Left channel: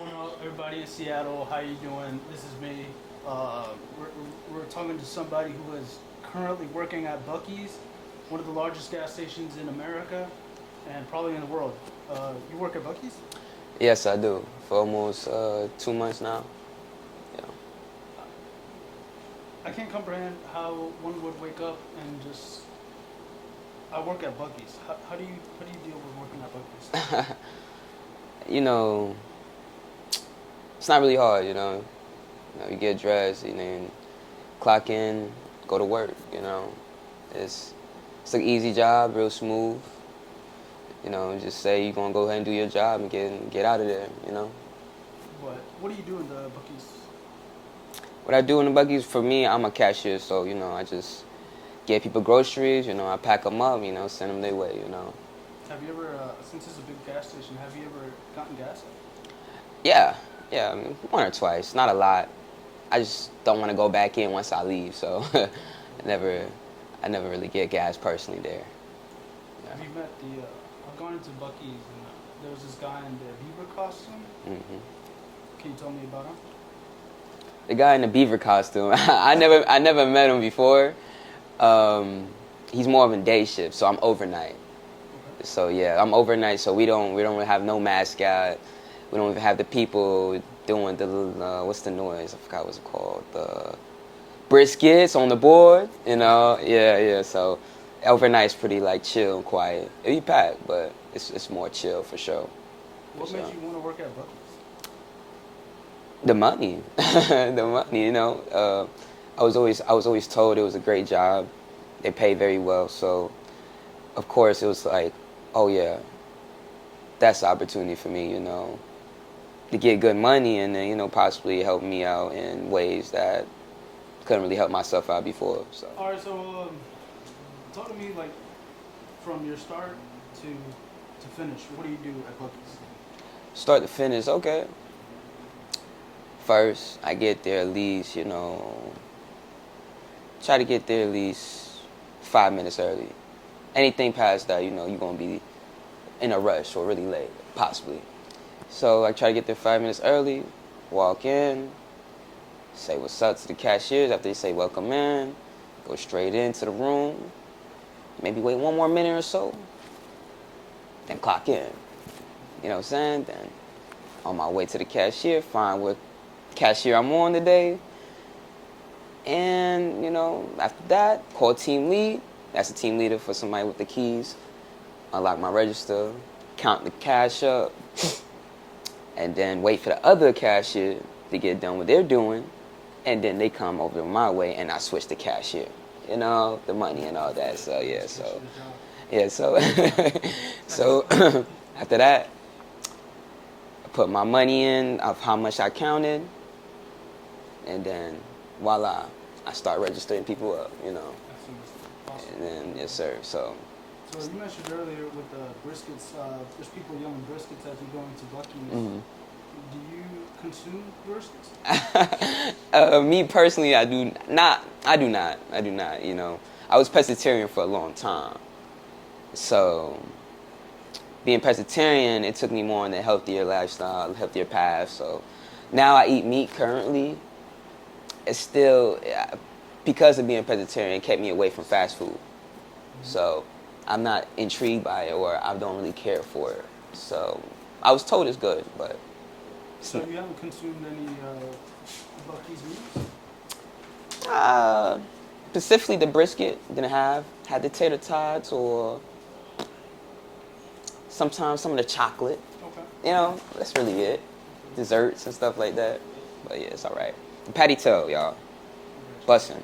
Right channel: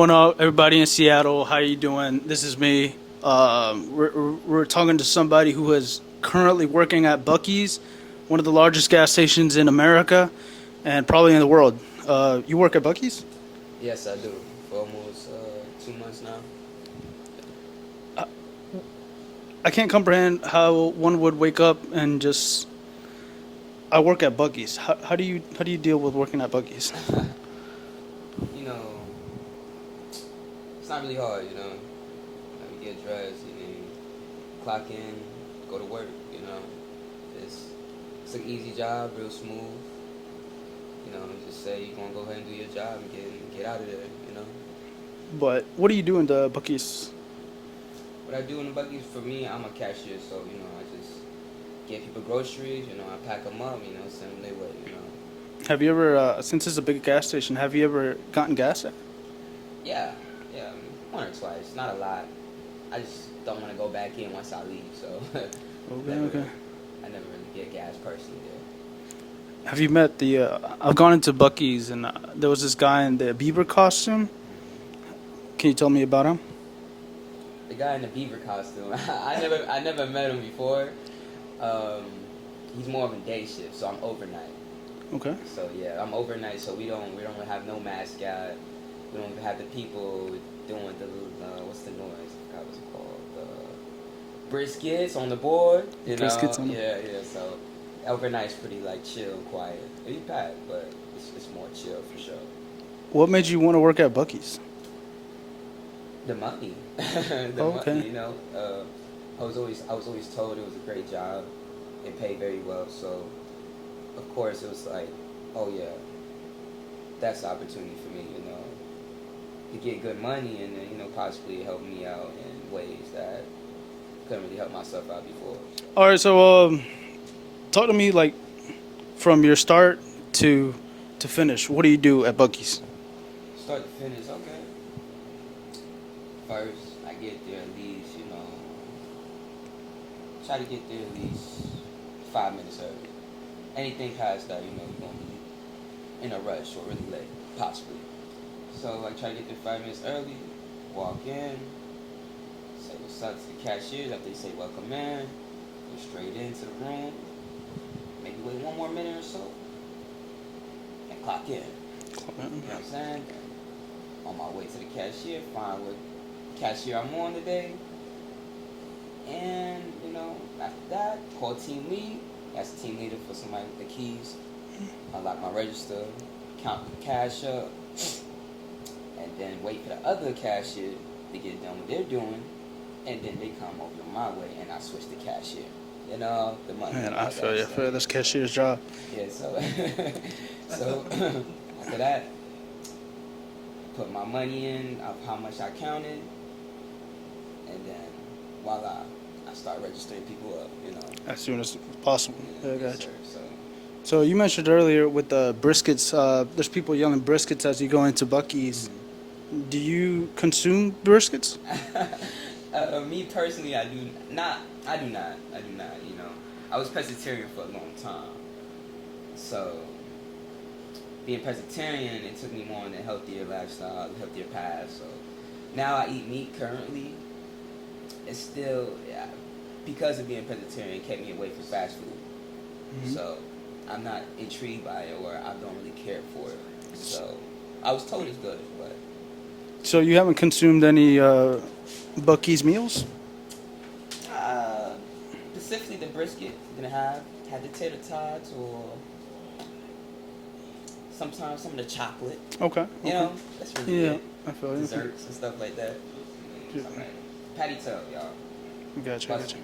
Going on, everybody in Seattle? How you doing? This is me. We're talking to somebody who is currently working at Buc-ees, one of the largest gas stations in America, and probably in the world. You work at Buc-ees? Yes, I do. For almost 2 months now. Yeah. I can't comprehend how one would wake up and just. I work at Buc-ees. How do you deal with working at Buc-ees? You know, it's not really hard. You get dressed, and then clock in, go to work. It's it's an easy job, real smooth. Just say you're gonna go ahead and do your job and get out of there. But what do you do in the Buc-ees? What I do in the Buc-ees, for me, I'm a cashier, so I just get people groceries. I pack them up. Send them their way. Have you ever, since it's a big gas station, have you ever gotten gas at? Yeah, yeah, I mean, one or twice, not a lot. I just don't want to go back in once I leave, so I never, I never really get gas personally there. Have you met the? I've gone into Buc-ee's and there was this guy in the beaver costume. hmm Can you tell me about him? The guy in the beaver costume, I never met him before. Um, he's more of a day shift, so I'm overnight. Okay. So yeah, I'm overnight, so we don't really have no mascot. We don't even have the people doing the little, what's the noise? I forgot what's it called. The briskets on the board. Biscuits and Yeah, yeah. So overnight's pretty like chill and quiet. It be packed, but it's more chill for sure. what made So you want to work at Buc-ee's? the money, the Okay. money. I was always told it was a great job. They pay very well, so of course it was like, oh yeah, that's the opportunity for me. To get good money and then possibly help me out in ways that couldn't really help myself out before. So All right. So talk to me like from your start to to finish. What do you do at Buc-ee's? start to finish, okay. First, I get there at least, try to get there at least 5 minutes early. Anything past that, you're gonna be in a rush or really late, possibly. So I try to get there 5 minutes early, walk in, say what's up to the cashiers after they say welcome in, go straight into the room, maybe wait one more minute or so, then clock in. You know what I'm saying? Then on my way to the cashier, find what cashier I'm on today. And, after that, call team lead. That's the team leader for somebody with the keys. Unlock my register, count the cash up, and then wait for the other cashier to get done what they're doing. And then they come over my way and I switch the cashier. The money Man, and I all feel that. you. I So, feel yeah, this so. cashier's job. Yeah, so so after that, I put my money in of how much I counted, and then voila, I start registering people up. As soon as possible. And then Yeah, I yes got you. sir. So So you mentioned earlier with the briskets. There's people yelling briskets as you go into Buc-ee's. Do you consume briskets? me personally, I do not. I do not. I do not. I was pescatarian for a long time, so being pescatarian, it took me more on the healthier lifestyle, healthier path. So now I eat meat currently. It's still, because of being pescatarian, it kept me away from fast food. So I'm not intrigued by it, or I don't really care for it. So I was told it's good, but So you haven't consumed any Buc-ee's meals? uh, specifically the brisket, didn't have. Had the tater tots or sometimes some of the chocolate. Okay. That's really Yeah, it. I feel you. Desserts and stuff like that. But yeah, it's all right. Patty toe, y'all. Gotcha. Busting.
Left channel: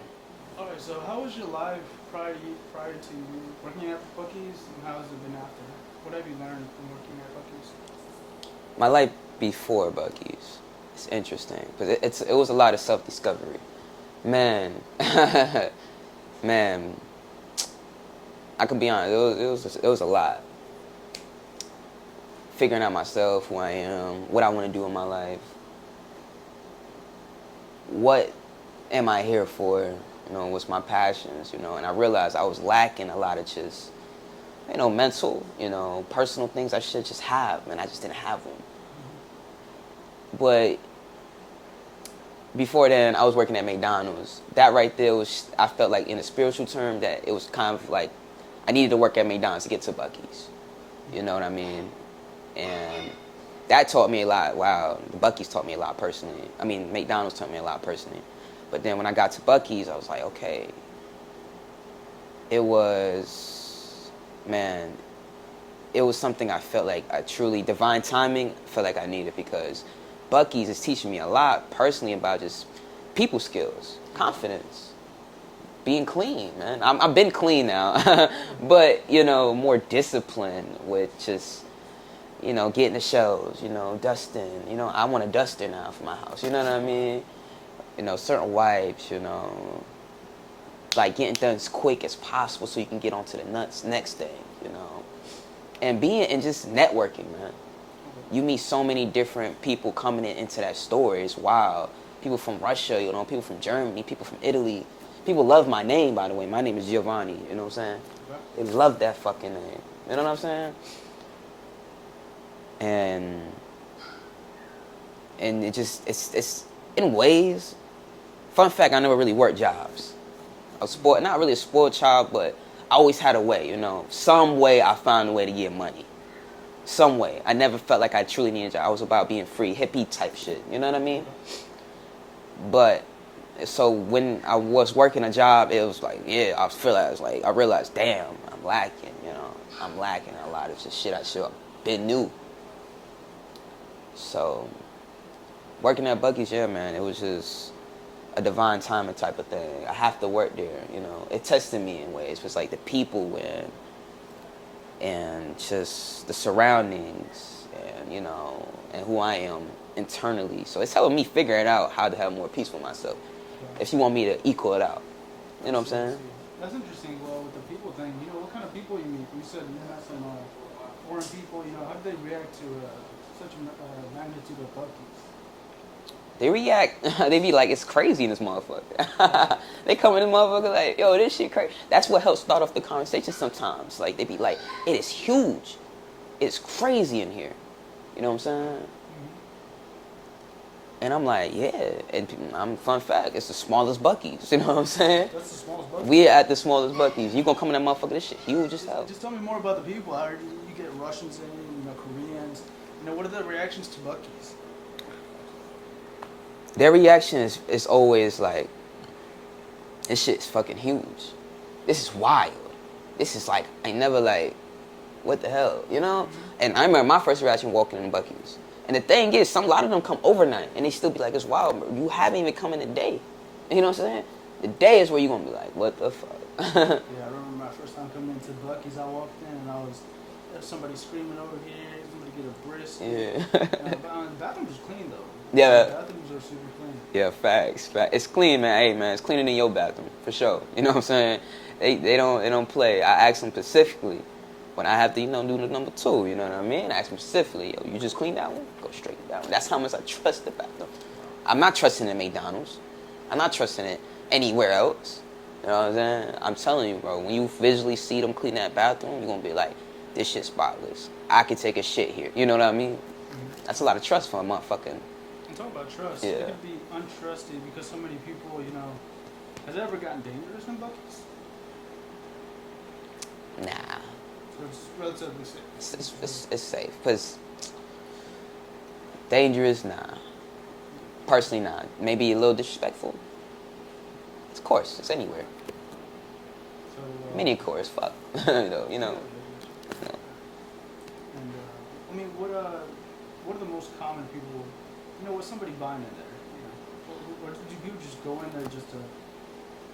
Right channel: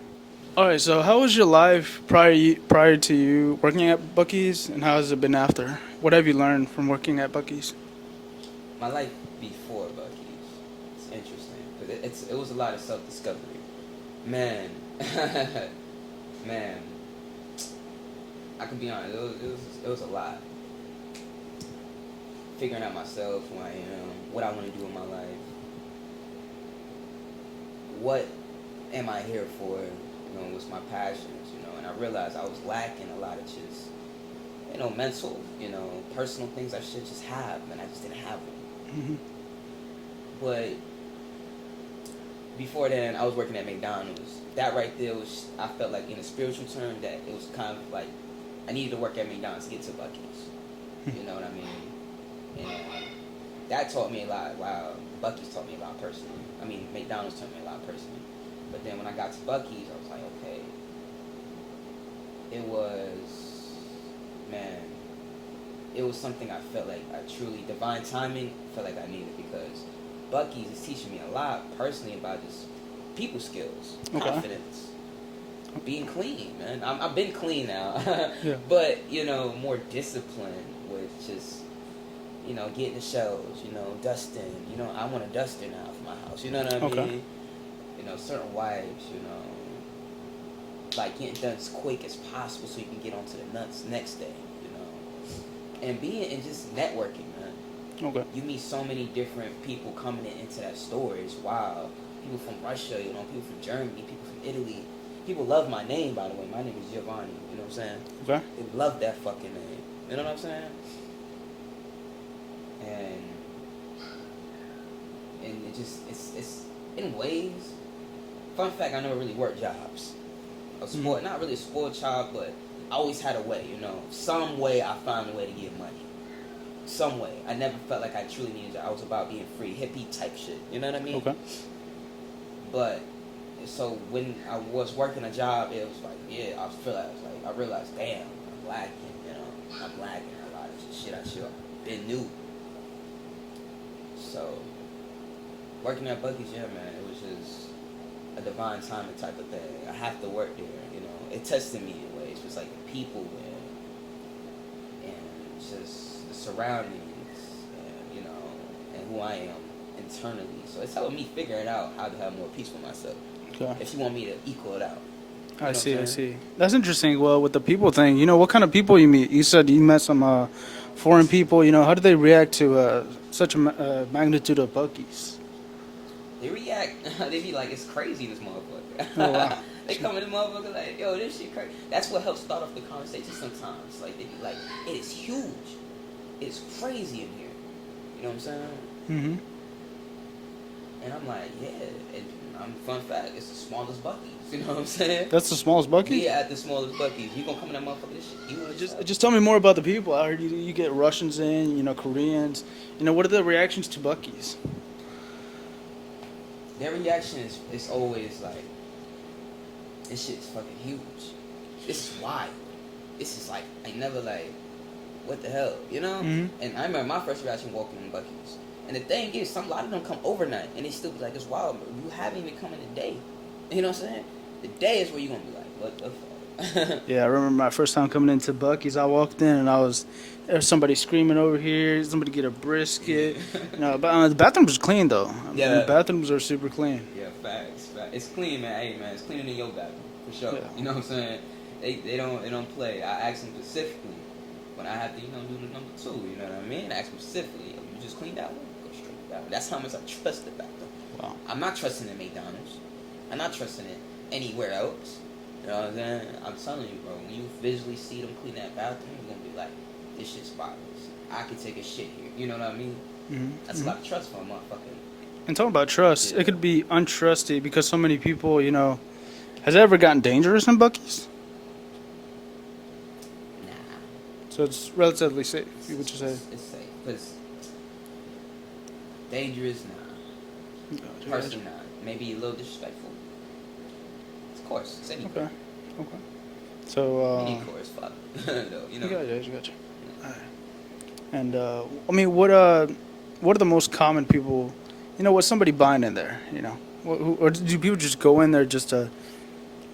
All right. So how was your life prior to you working at Buc-ee's, and how has it been after? What have you learned from working at Buc-ee's? My life before Buc-ee's. It's interesting because it was a lot of self-discovery. Man, man, I could be honest. It was a lot. Figuring out myself, who I am, what I want to do in my life, what am I here for? What's my passions? And I realized I was lacking a lot of just, mental, personal things I should just have, and I just didn't have them. But before then, I was working at McDonald's. That right there was, I felt like in a spiritual term that it was kind of like I needed to work at McDonald's to get to Buc-ees. You know what I mean? And that taught me a lot. Wow, Buc-ees taught me a lot personally. I mean, McDonald's taught me a lot personally. But then when I got to Buc-ees, I was like, okay. It was, man, it was something I felt like I truly, divine timing, felt like I needed because Buc-ees is teaching me a lot personally about just people skills, confidence, being clean, man. I've been clean now, but, you know, more discipline with just, you know, getting the shelves, you know, dusting. You know, I want a duster now for my house, you know what I mean? You know, certain wipes, you know, like getting done as quick as possible so you can get on to the next thing, you know. And just networking, man. You meet so many different people coming into that store. It's wild. People from Russia, you know, people from Germany, people from Italy. People love my name, by the way. My name is Giovanni, you know what I'm saying? They love that fucking name. You know what I'm saying? And it just, it's in ways, fun fact, I never really worked jobs. I was spoiled, not really a spoiled child, but I always had a way, you know. Some way I found a way to get money. Some way. I never felt like I truly needed a job. I was about being free, hippie type shit, you know what I mean? But, so when I was working a job, it was like, I realized, damn, I'm lacking, you know. I'm lacking a lot of shit I should have been new. So, working at Buc-ees, yeah, man, it was just a divine timing type of thing. I have to work there, you know. It tested me in ways. It was like the people and just the surroundings and, you know, and who I am internally. So it's helping me figure it out how to have more peace with myself. If you want me to equal it out. You know what I'm saying? I see. That's interesting. Well, with the people thing, you know, what kind of people you meet? You said you met some foreign people. You know, how do they react to such a magnitude of Buc-ees? They react, they be like, it's crazy in this motherfucker. They come in this motherfucker like, yo, this shit crazy. That's what helps start off the conversation sometimes. Like, they be like, it is huge. It's crazy in here. You know what I'm saying? And I'm like, yeah. And fun fact, it's the smallest Buc-ees. You know what I'm saying? That's the smallest Buc-ees? We at the smallest Buc-ees. You gonna come in that motherfucker, this shit huge as hell. Just tell me more about the people. I heard you get Russians in, you know, Koreans. You know, what are the reactions to Buc-ees? Their reaction is always like, this shit's fucking huge. This is wild. This is like, I never like, what the hell, you know? And I remember my first reaction walking in Buc-ees. And the thing is, a lot of them come overnight, and they still be like, it's wild, bro. You haven't even come in the day. You know what I'm saying? The day is where you're going to be like, what the fuck? Yeah, I remember my first time coming into Buc-ees. I walked in, and there was somebody screaming over here, somebody get a brisket. No, but the bathrooms was clean, though. Yeah. The bathrooms are super clean. Yeah, facts. It's clean, man. Hey, man, it's cleaner than your bathroom, for sure. You know what I'm saying? They don't play. I ask them specifically when I have to, you know, do the number 2, you know what I mean? I ask them specifically, yo, you just clean that one? Go straight down. That's how much I trust the bathroom. Wow. I'm not trusting it at McDonald's. I'm not trusting it anywhere else. You know what I'm saying? I'm telling you, bro, when you visually see them clean that bathroom, you're going to be like, this shit's spotless. I could take a shit here. You know what I mean? That's a lot of trust for a motherfucking. And talking about trust, it could be untrusted because so many people, you know, has it ever gotten dangerous in Buc-ees? Nah. So it's relatively safe. It's safe. Because dangerous, nah. Personally, nah. Maybe a little disrespectful. Of course, it's anywhere. Okay. So, many course, fuck. You know. You got you. No. And I mean, what are the most common people? You know, what's somebody buying in there? You know, or do people just go in there just to,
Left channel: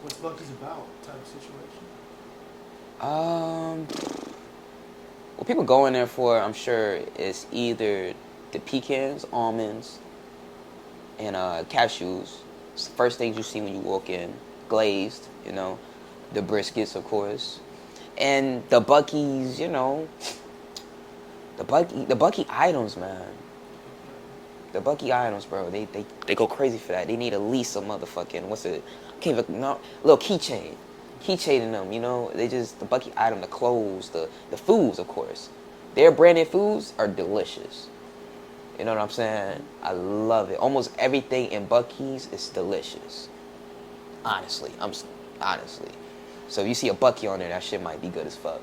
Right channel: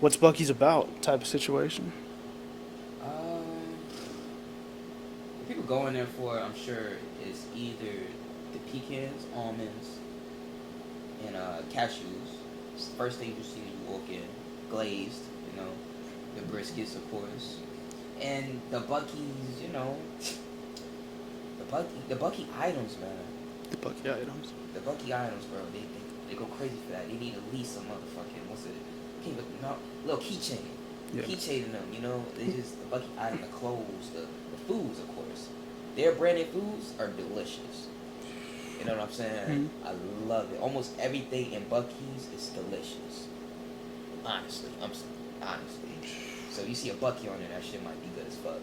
what's Buc-ees about type of situation? What people go in there for, I'm sure, is either the pecans, almonds, and cashews. It's the first things you see when you walk in, glazed. You know, the briskets, of course, and the Buc-ees. You know. The Buc-ee items, man. The Buc-ee items. The Buc-ee items, bro. They go crazy for that. They need at least a motherfucking little keychain. Yeah. Keychain in them, you know. The Buc-ee item, the clothes, the foods, of course. Their branded foods are delicious. You know what I'm saying? Mm-hmm. I love it. Almost everything in Buc-ees is delicious. Honestly, honestly. So if you see a Buc-ee on there, that shit might be good as fuck.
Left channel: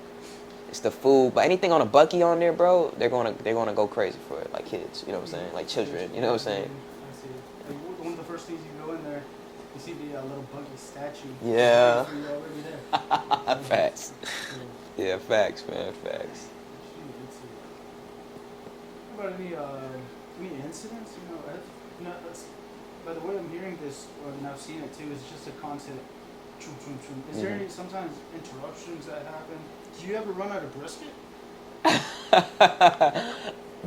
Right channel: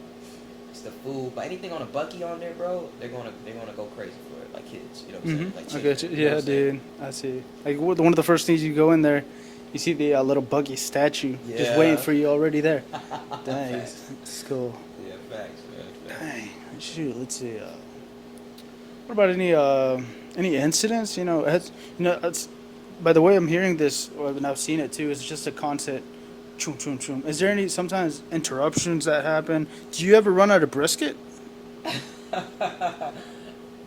It's the food, but anything on a Buc-ee on there, bro, they're gonna go crazy for it, like kids. You know what I'm saying? Like I children. get you. You know Yeah, what I'm saying? dude. I see. Like one of the first things you go in there, you see the little Bucky statue just waiting Yeah. for you already there. Dang, Facts. it's cool. Yeah, facts, man. Facts. Dang. Shoot, let's see. What about any incidents? It's, by the way I'm hearing this, or when I've seen it too, it's just a constant. Chum, chum, chum. Is there Yeah. any sometimes interruptions that happen? Do you ever run out of brisket?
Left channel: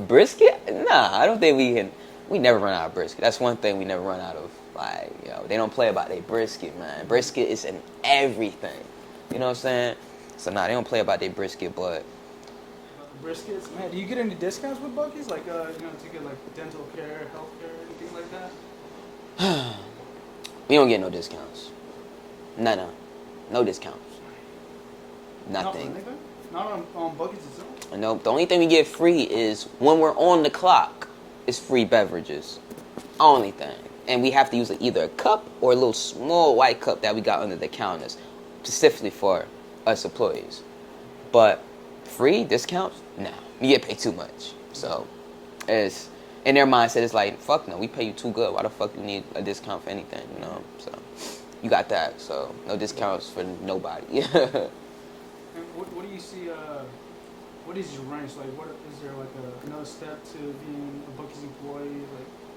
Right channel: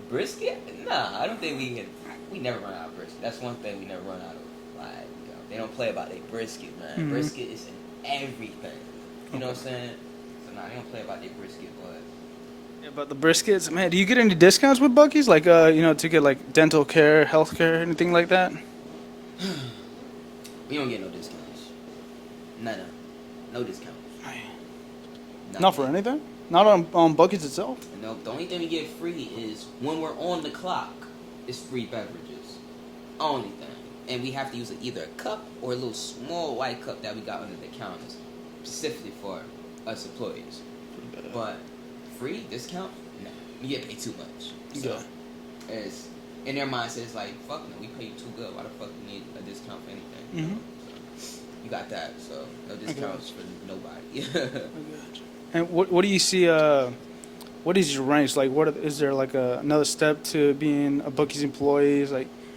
Brisket? Nah, I don't think we can. We never run out of brisket. That's one thing we never run out of. Like, they don't play about their brisket, man. Mm-hmm. Brisket is in everything. You know what I'm saying? So nah, they don't play about their brisket, but Yeah, but the briskets, man. Do you get any discounts with Bucky's? Like, to get like dental care, health care, anything like that? we don't get no discounts. No discounts. Nothing. Not for anything. Not on Bucky's itself. No, the only thing we get free is when we're on the clock. It's free beverages. Only thing. And we have to use either a cup or a little small white cup that we got under the counters, specifically for us employees. But free discounts? Nah. You get paid too much. So it's in their mindset, it's like, fuck no, we pay you too good. Why the fuck you need a discount for anything? You know? So you got that. So no discounts for nobody. And what do you see? What is your ranks like? Is there like another step to being a Bucky's employee?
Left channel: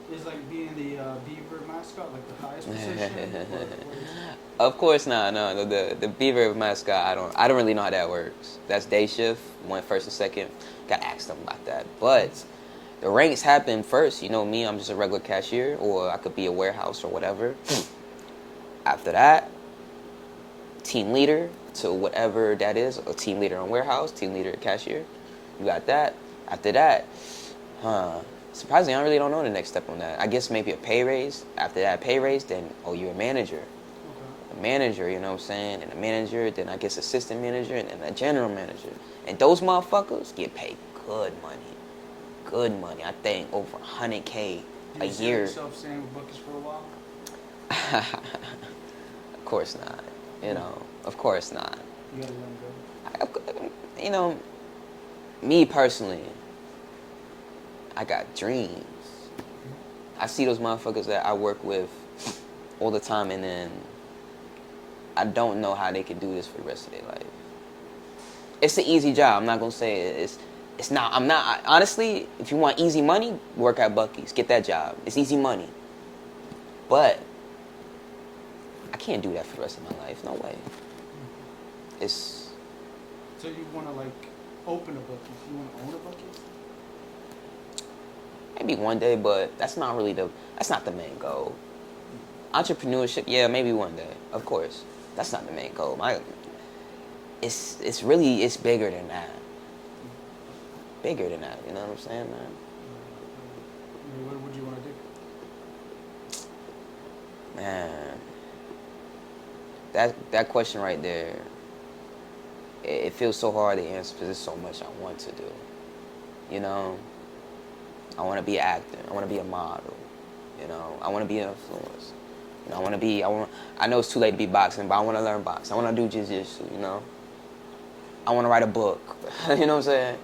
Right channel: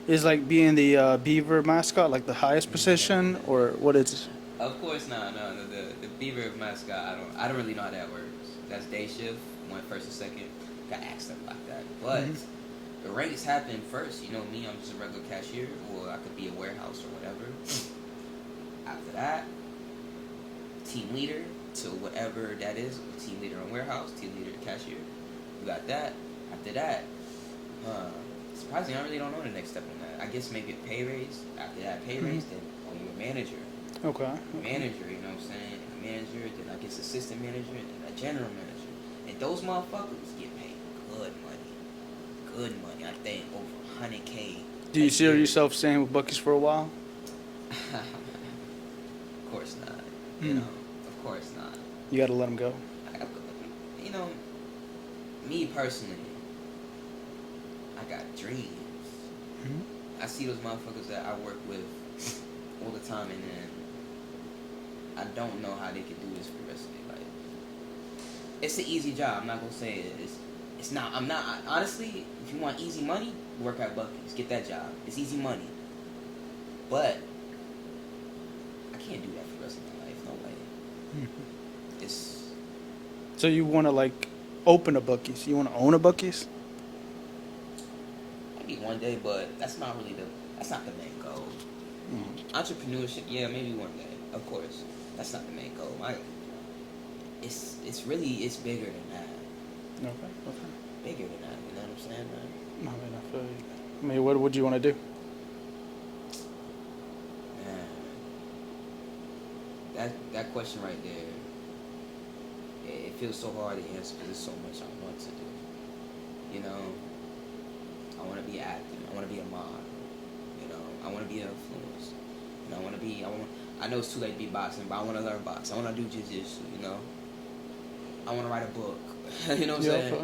Is like being the Beaver mascot like the highest position, or what is? Of course not. No, the Beaver mascot. I don't really know how that works. That's day shift. One first and second. Got to ask them about that. But the ranks happen first. You know me. I'm just a regular cashier, or I could be a warehouse or whatever. After that, team leader to whatever that is. A team leader in warehouse. Team leader at cashier. You got that. After that, surprisingly, I really don't know the next step on that. I guess maybe a pay raise. After that pay raise, then, you're a manager. Okay. A manager, you know what I'm saying? And a manager, then I guess assistant manager, and then a general manager. And those motherfuckers get paid good money. Good money. I think over 100K. Do you see yourself staying with Bucky's for a while? Of course not. You know, of course not. You gotta let them go. You know, me personally, I got dreams. I see those motherfuckers that I work with all the time, and then I don't know how they can do this for the rest of their life. It's an easy job. I'm not gonna say it's not. Honestly, if you want easy money, work at Buc-ee's. Get that job. It's easy money. But I can't do that for the rest of my life. No way. It's So you want to like open a Bucky's? You want to own a Bucky's? maybe one day, but that's not the main goal. Entrepreneurship, yeah, maybe one day. Of course, that's not the main goal. It's bigger than that. Bigger than that. You know what I'm saying, man? I mean, what would you want to do? Man, that question right there, it feels so hard to answer because there's so much I want to do. You know, I want to be an actor. I want to be a model. You know, I want to be an influencer. You know, I know it's too late to be boxing, but I want to learn boxing. I want to do jiu-jitsu, you know. I want to write a book. You know what I'm saying? Okay.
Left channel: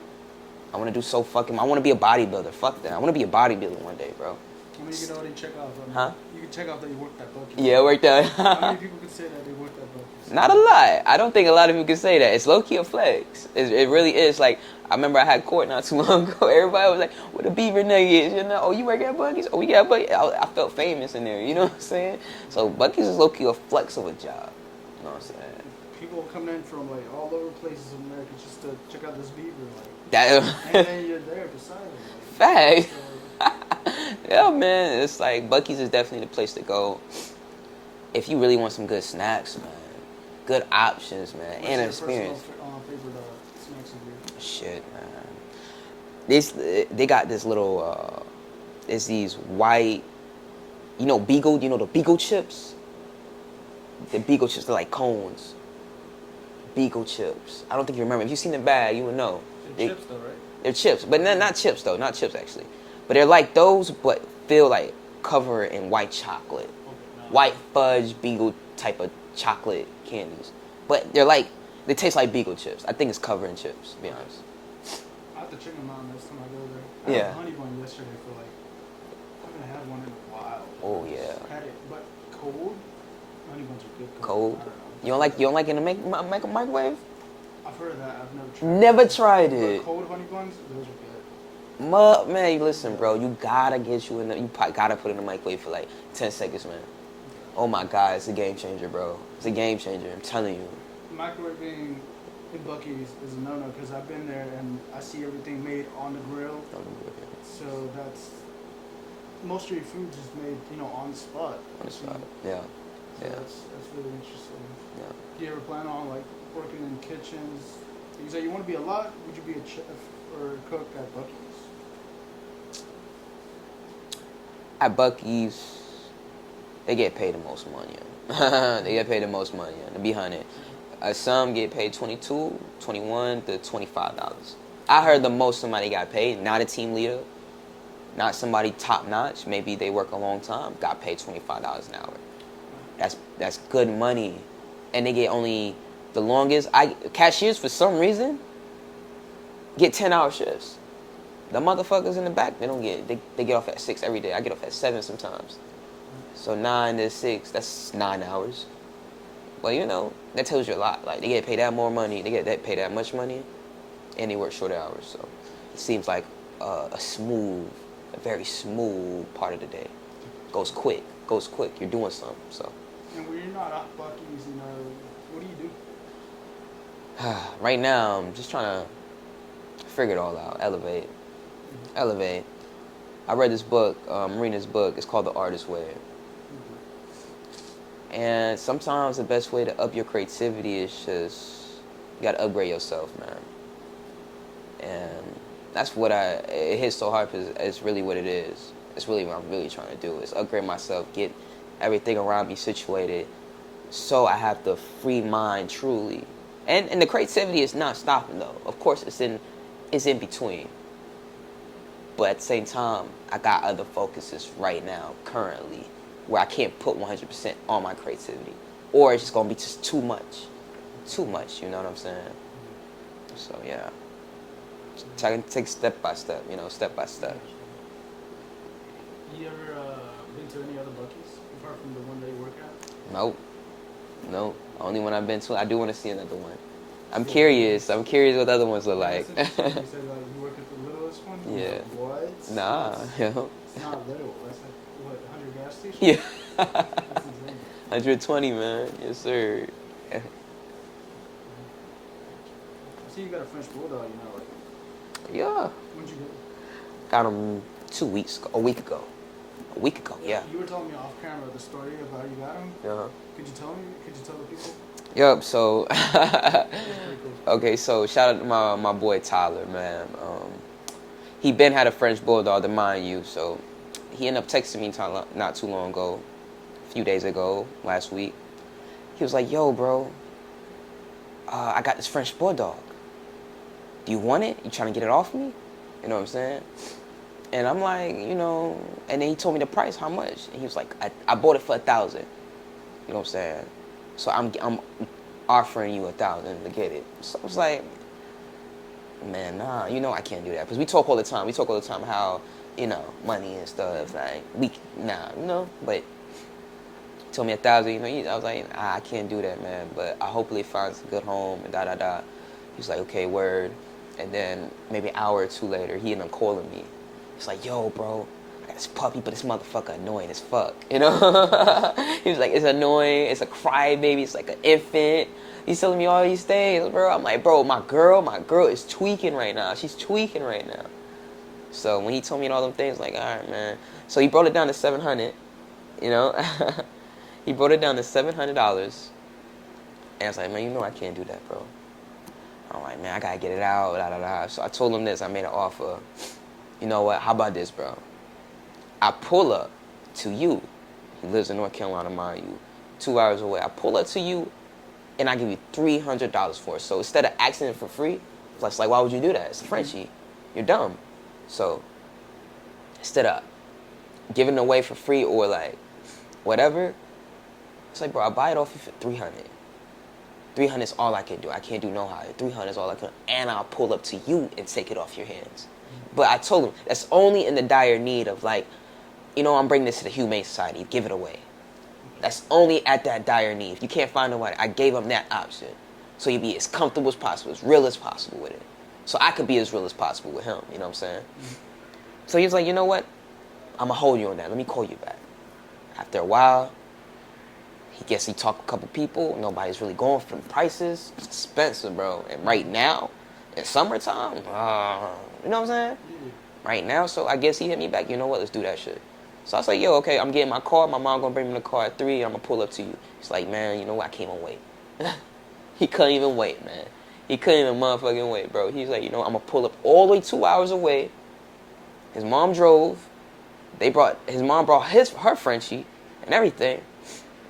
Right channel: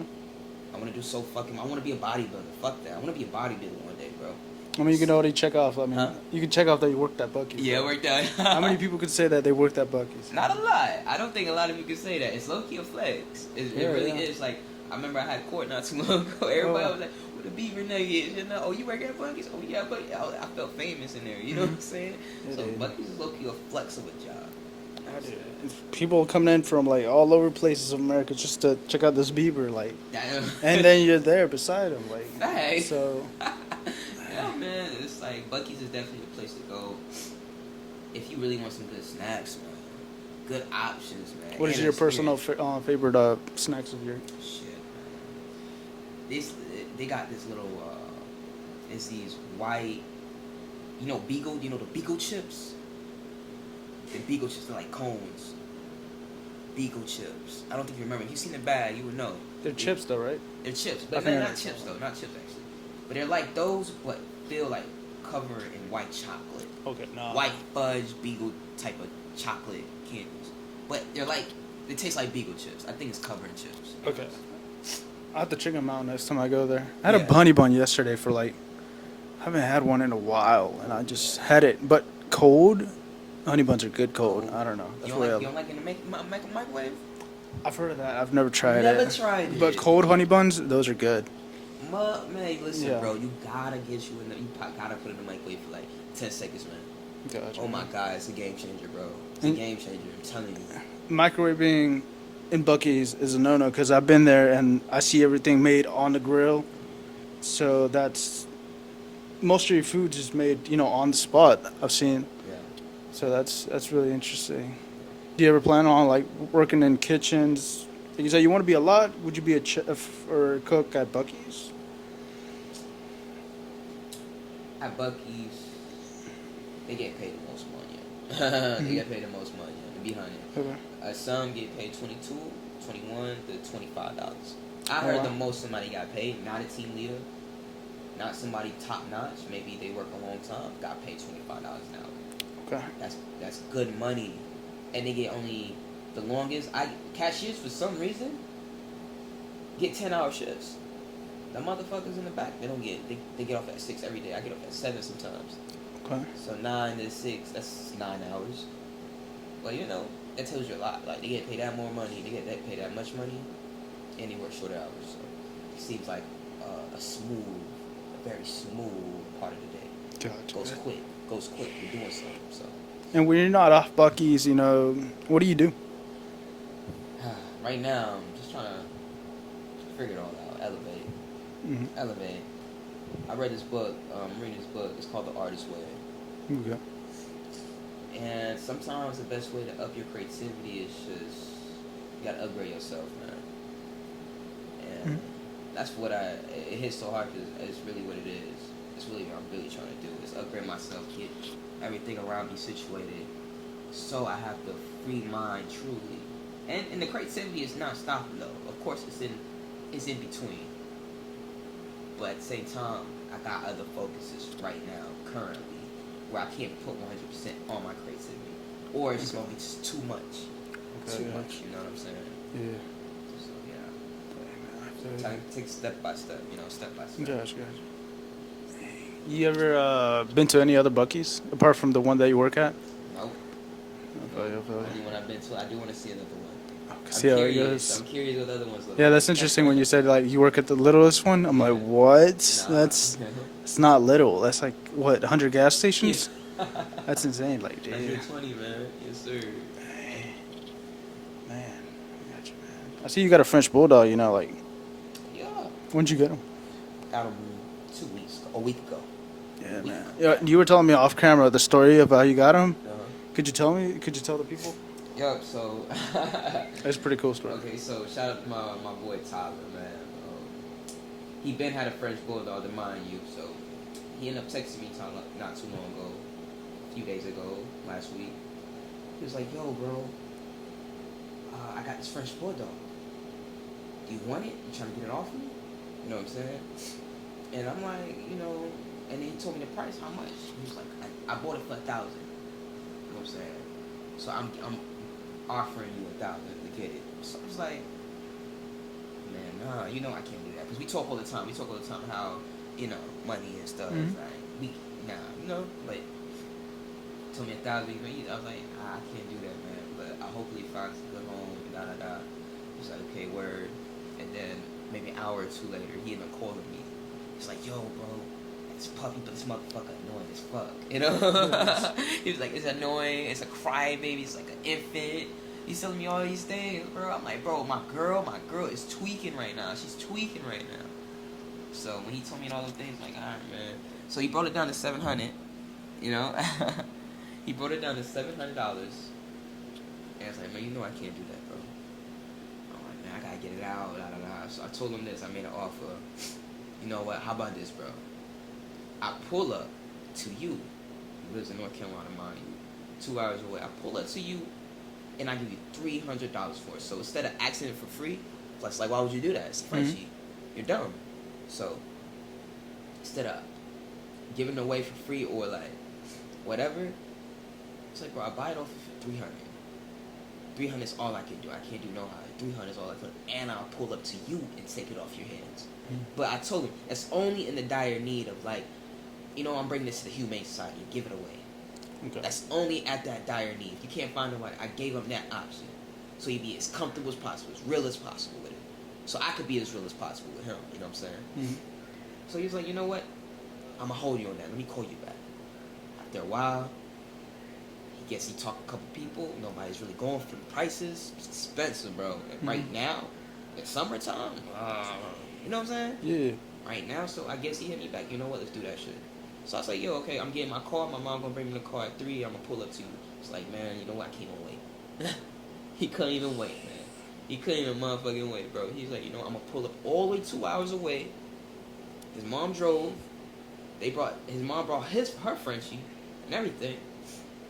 I want to be a bodybuilder. Fuck that. I want to be a bodybuilder one day, bro. I mean, you can already check off. I mean, Huh? you can check off that you worked at Bucky's. Yeah, worked out. How many people could say that they worked at Bucky's? Not a lot. I don't think a lot of people can say that. It's low-key a flex. It really is. Like, I remember I had court not too long ago. Everybody was like, "What a beaver nuggets?" You know? Oh, you work at Buc-ee's? Oh, we got Buc-ee's. I felt famous in there. You know what I'm saying? So Buc-ee's is low-key a flex of a job. You know what I'm saying? People coming in from like all over places of America just to check out this beaver, like, That, and then you're there beside him, like. Fact. So. Yeah, man. It's like Buc-ee's is definitely the place to go if you really want some good snacks, man. Good options, man. What is And your personal experience. favorite snacks of yours? Shit, man. They got this little. It's these white. You know Beagle. You know the Beagle chips. The Beagle chips are like cones. Beagle chips. I don't think you remember. If you seen the bag, you would know. They're chips, though, right? They're chips, but not chips though. Not chips actually. But they're like those, but feel like covered in white chocolate. Okay, no. White fudge beagle type of chocolate candies. But they taste like beagle chips. I think it's covered in chips, to be Okay. honest. I'll have to check them out next time I go there. I had Yeah. a honey bun yesterday for I haven't had one in a while. And I Oh, just yeah. had it. But cold, honey buns are good cold. Cold. I don't know. You don't like in the microwave? I've heard of that. I've never tried it. Never tried it. But cold honey buns, those are good. Man, listen, Yeah. bro. You gotta get you in the. You probably gotta put it in the microwave for like 10 seconds, man. Gotcha. Oh my God, it's a game changer, bro. It's a game changer. I'm telling you. Microwaving in Buc-ees is a no-no because I've been there and I see everything made on the grill. So that's most of your food is made, on the spot. I've seen. Yeah. So that's really interesting. Yeah. Do you ever plan on working in kitchens? Like you said, you want to be a lot. Would you be a chef or a cook at Buc-ees? At Buc-ees, they get paid the most money. They get paid the most money, to be honest. Some get paid $22, $21 to $25. I heard the most somebody got paid, not a team leader, not somebody top notch. Maybe they work a long time, got paid $25 an hour. Okay. That's good money, and they get only the longest. Cashiers for some reason get 10-hour shifts. The motherfuckers in the back, they get off at 6 every day. I get off at 7 sometimes. Okay. So 9 to 6, that's 9 hours. Well, that tells you a lot. Like, they get paid that more money, they get paid that much money, and they work shorter hours. So it seems like a very smooth part of the day. Gotcha. Goes quick. You're doing something. So And when you're not off Buc-ees, what do you do? right now, I'm just trying to figure it all out. Elevate. I read this book. I'm reading this book. It's called The Artist's Way. Okay. And sometimes the best way to up your creativity is just you gotta upgrade yourself, man. And that's what it hits so hard because it's really what it is. It's really what I'm really trying to do is upgrade myself, get everything around me situated, so I have the free mind truly. And the creativity is not stopping though. Of course, it's in between. But at the same time, I got other focuses right now, currently, where I can't put 100% on my creativity. Or it's just going to be just too much. Too much, you know what I'm saying? Yeah. So, yeah. So I can take step by step, step by step. Gotcha. You ever been to any other Buc-ees, apart from the one that you work at? Nope. Only one I've been to. I do want to see another one. I'm See how it curious. goes. I'm curious what the other ones look like. Yeah, that's interesting when you said you work at the littlest one. I'm like, Yeah. what? Nah, It's not little. That's like what, 100 gas stations? Yeah. That's insane. Like, dude. 120, man. Yes, sir. Man. I see you got a French bulldog. Yeah. When'd you get him? Got him 2 weeks ago. A week ago. Yeah, A week man. ago. Yeah, Yeah. you were telling me off camera the story of how you got him. Uh-huh. Could you tell me? Could you tell the people? Yep. So. That's a pretty cool story. Okay, so shout out to my boy Tyler, man. He been had a French bulldog, to mind you. So he ended up texting me not too long ago, a few days ago, last week. He was like, "Yo, bro, I got this French bulldog. Do you want it? You trying to get it off me? You know what I'm saying?" And I'm like, and then he told me the price, how much? And he was like, I bought it for $1,000. You know what I'm saying? So I'm offering you $1,000 to get it. So I was like, man, nah, I can't do that. Because we talk all the time. We talk all the time how, money and stuff. Mm-hmm. But he told me $1,000, I was like, I can't do that, man. But I hopefully finds a good home and da-da-da. He's like, okay, word. And then maybe an hour or two later, he ended up calling me. He's like, yo, bro, I got this puppy, but this motherfucker annoying as fuck, He was like, it's annoying, it's a crybaby, it's like an infant. He's telling me all these things, bro. I'm like, bro, my girl is tweaking right now. She's tweaking right now. So when he told me all those things, like, all right, man. So he brought it down to $700, He brought it down to $700. And I was like, man, I can't do that, bro. I'm like, man, I gotta get it out, da-da-da. So I told him this, I made an offer. You know what, how about this, bro? I pull up to you. He lives in North Carolina, mind you. 2 hours away. I pull up to you, and I give you $300 for it. So instead of asking it for free, it's like, why would you do that? It's a Frenchie. You're dumb. So instead of giving it away for free or like whatever, it's like, bro, I'll buy it off you for 300. 300 is all I can do. I can't do no higher. 300 is all I can, and I'll pull up to you and take it off your hands. But I told him that's only in the dire need of like, you know, I'm bringing this to the Humane Society. Give it away. Okay. That's only at that dire need. If you can't find nobody, I gave him that option. So you be as comfortable as possible, as real as possible with it. So I could be as real as possible with him, you know what I'm saying? Mm-hmm. So he was like, you know what? I'm going to hold you on that. Let me call you back. After a while, he talked to a couple people. Nobody's really going for the prices. It's expensive, bro. And right now, in summertime, you know what I'm saying? Yeah. Right now, so I guess he hit me back. You know what? Let's do that shit. So I was like, yo, okay, I'm getting my car. My mom gonna bring me the car at 3. I'm gonna pull up to you. He's like, man, you know what? I can't even wait. He couldn't even wait, man. He couldn't even motherfucking wait, bro. He's like, you know, I'm gonna pull up all the way 2 hours away. His mom drove. His mom brought her Frenchie and everything.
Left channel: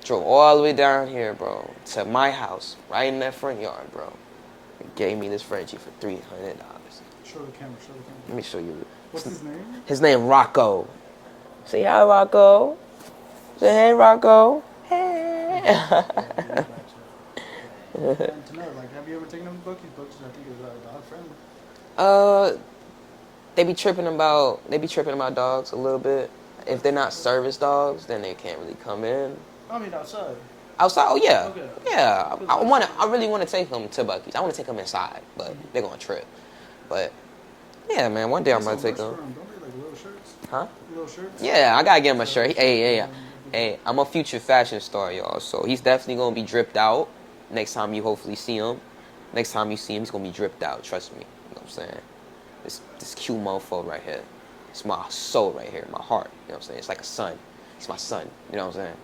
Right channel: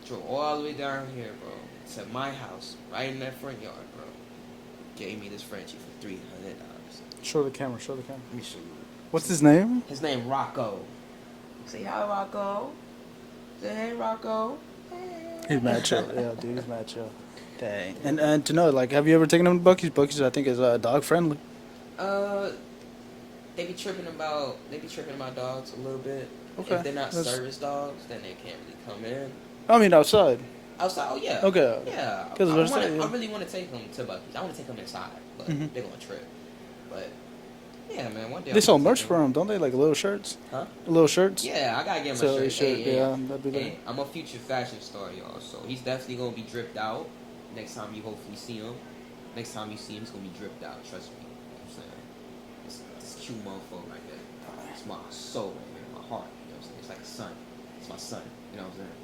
Drove all the way down here, bro, to my house, right in that front yard, bro. And gave me this Frenchie for $300. Show the camera. Let me show you. What's his name? His name Rocco. Say hi, Rocco. Say hey, Rocco. Hey. He's mad chill. Yeah, dude, he's mad chill. Okay. And to know, like, have you ever taken him to Buc-ees? Buc-ees, I think, is dog friendly. They be tripping about dogs a little bit. Okay. If they're not service dogs, then they can't really come in. I mean, outside. Outside? Oh, yeah. Okay. Yeah. I really want to take them to Buc-ees. I want to take them inside, but they're going to trip. But, yeah, man, one day I'm going to take them. They sell merch for them, don't they? Like little shirts? Huh? Little shirts? Yeah, I got to get him a shirt. Yeah, hey, I'm a future fashion star, y'all. So he's definitely going to be dripped out next time you hopefully see him. Next time you see him, he's going to be dripped out. Trust me. You know what I'm saying? This cute mofo right here. It's my soul right here, my heart. You know what I'm saying? It's like a son. It's my son. You know what I'm saying?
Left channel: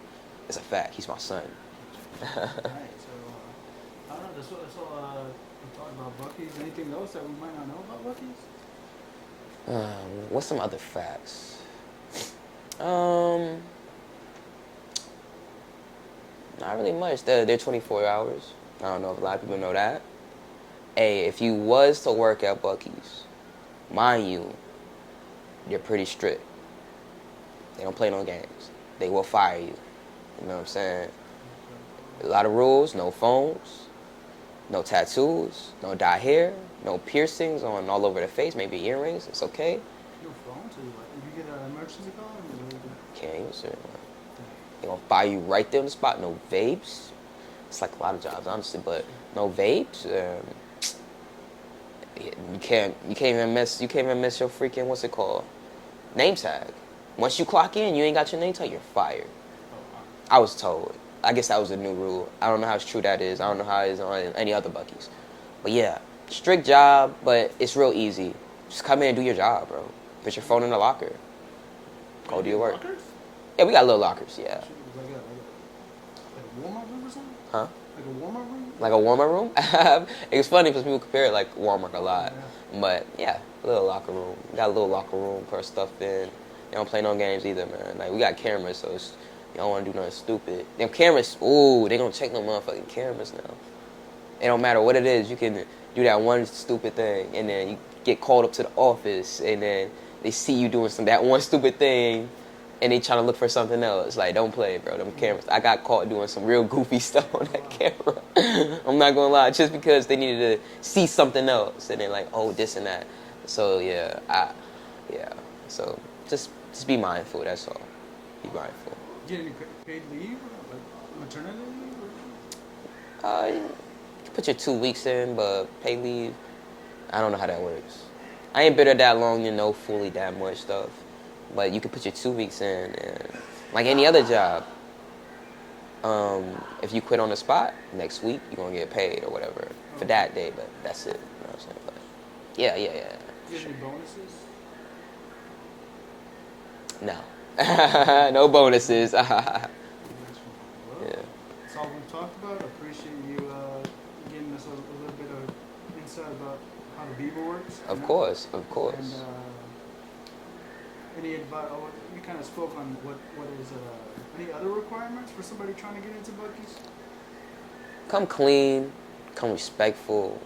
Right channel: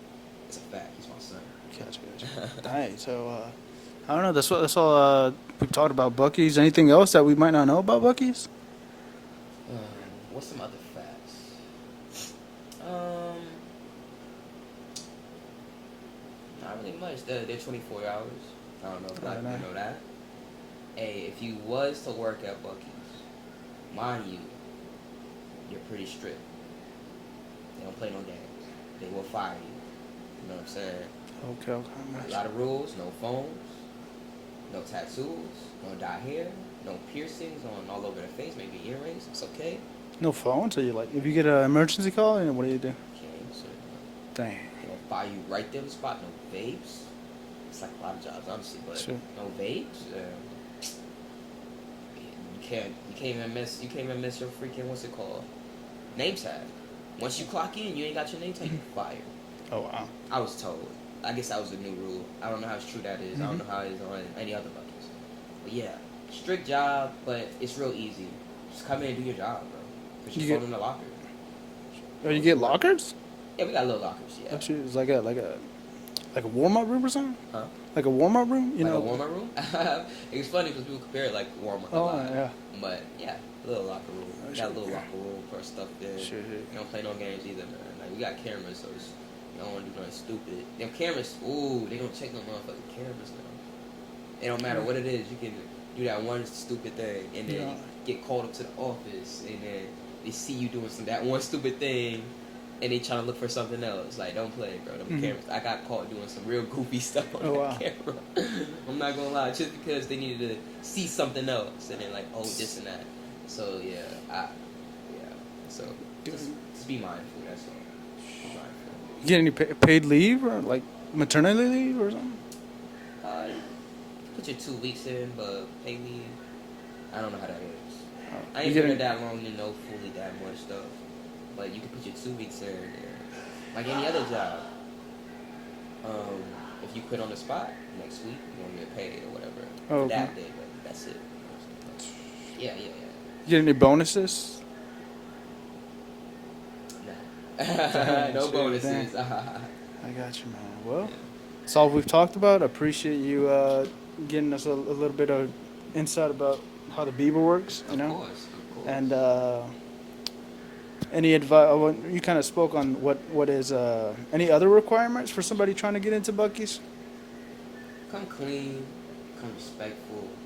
It's a fact. He's my son. Alright, so I don't know. That's all we talked about Buc-ees. Anything else that we might not know about Buc-ees? What's some other facts? Not really much. They're 24 hours. I don't know if a lot of people know that. Hey, if you was to work at Buc-ees, mind you, you're pretty strict. They don't play no games. They will fire you. You know what I'm saying? Okay. A lot of rules, no phones, no tattoos, no dye hair, no piercings on all over the face, maybe earrings, it's okay. No phone? So you like, if you get an emergency call, what do you do? Can't use it. Dang. They're gonna fire you right there on the spot. No vapes. It's like a lot of jobs, honestly, but sure. No vapes. You can't even miss your freaking, what's it called? Name tag. Once you clock in, you ain't got your name tag, you're fired. Oh, wow. I was told. I guess that was a new rule. I don't know how true that is. I don't know how it is on any other Buc-ees. But yeah, strict job, but it's real easy. Just come in and do your job, bro. Put your phone in the locker. Oh, you get lockers? Yeah, we got little lockers, yeah. It's like a warm-up room or something? Huh? Like a warm-up room? Like a warm-up room? It's funny because people compare it like Walmart a lot. Yeah. But yeah, a little locker room. We got a little locker room, put our stuff in. Sure. They don't play no games either, man. Like, we got cameras, so it's, you don't want to do nothing stupid. Them cameras, ooh, they gonna check no motherfucking cameras now. It don't matter what it is, you can do that one stupid thing, and then you get called up to the office, and then they see you doing that one stupid thing, and they trying to look for something else. Like, don't play, bro. Them cameras. I got caught doing some real goofy stuff on that camera. I'm not gonna lie, just because they needed to see something else, and they're like, oh, this and that. So yeah, So just be mindful. That's all. Be mindful. You get any paid leave or like maternity leave or something? You put your 2 weeks in, but paid leave, I don't know how that works. I ain't been there that long, fully that much stuff. But you can put your 2 weeks in, and like any other job, if you quit on the spot, next week you're gonna get paid or whatever for that day. But that's it. You know what I'm saying? But yeah. You get any bonuses? No, no bonuses. I got you, man. Well, that's all we've talked about. I appreciate you getting us a little bit of insight about how the Bieber works. Of course. And any advice? You kind of spoke on what is any other requirements for somebody trying to get into Buc-ees? Come clean, come respectful,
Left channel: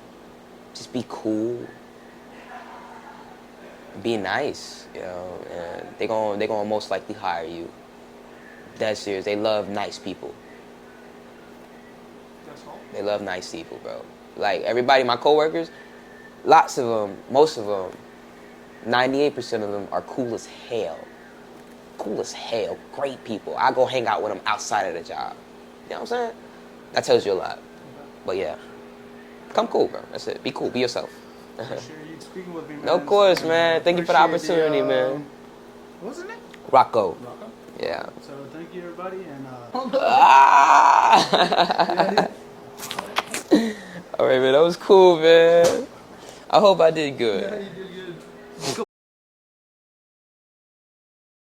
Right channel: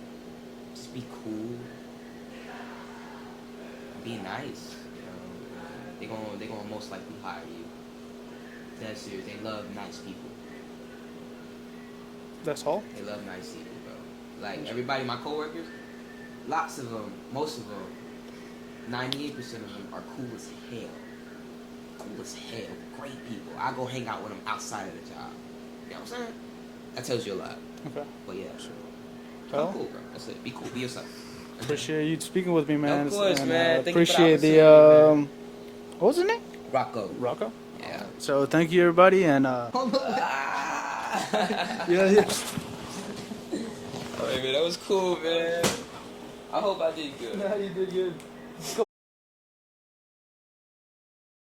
just be cool. Be nice, you know, and they gonna most likely hire you. Dead serious. They love nice people. That's all. They love nice people, bro. Like everybody, my coworkers, lots of them, most of them, 98% of them are cool as hell. Cool as hell. Great people. I go hang out with them outside of the job. You know what I'm saying? That tells you a lot. Okay. But yeah, come cool, bro. That's it. Be cool. Be yourself. Appreciate you speaking with me, man. Of course, And, man. Thank you for the appreciate opportunity, man. What was his name? Rocco. Rocco. Yeah. So thank you, everybody, and Ah! All right, man. That was cool, man. I hope I did good. you did good.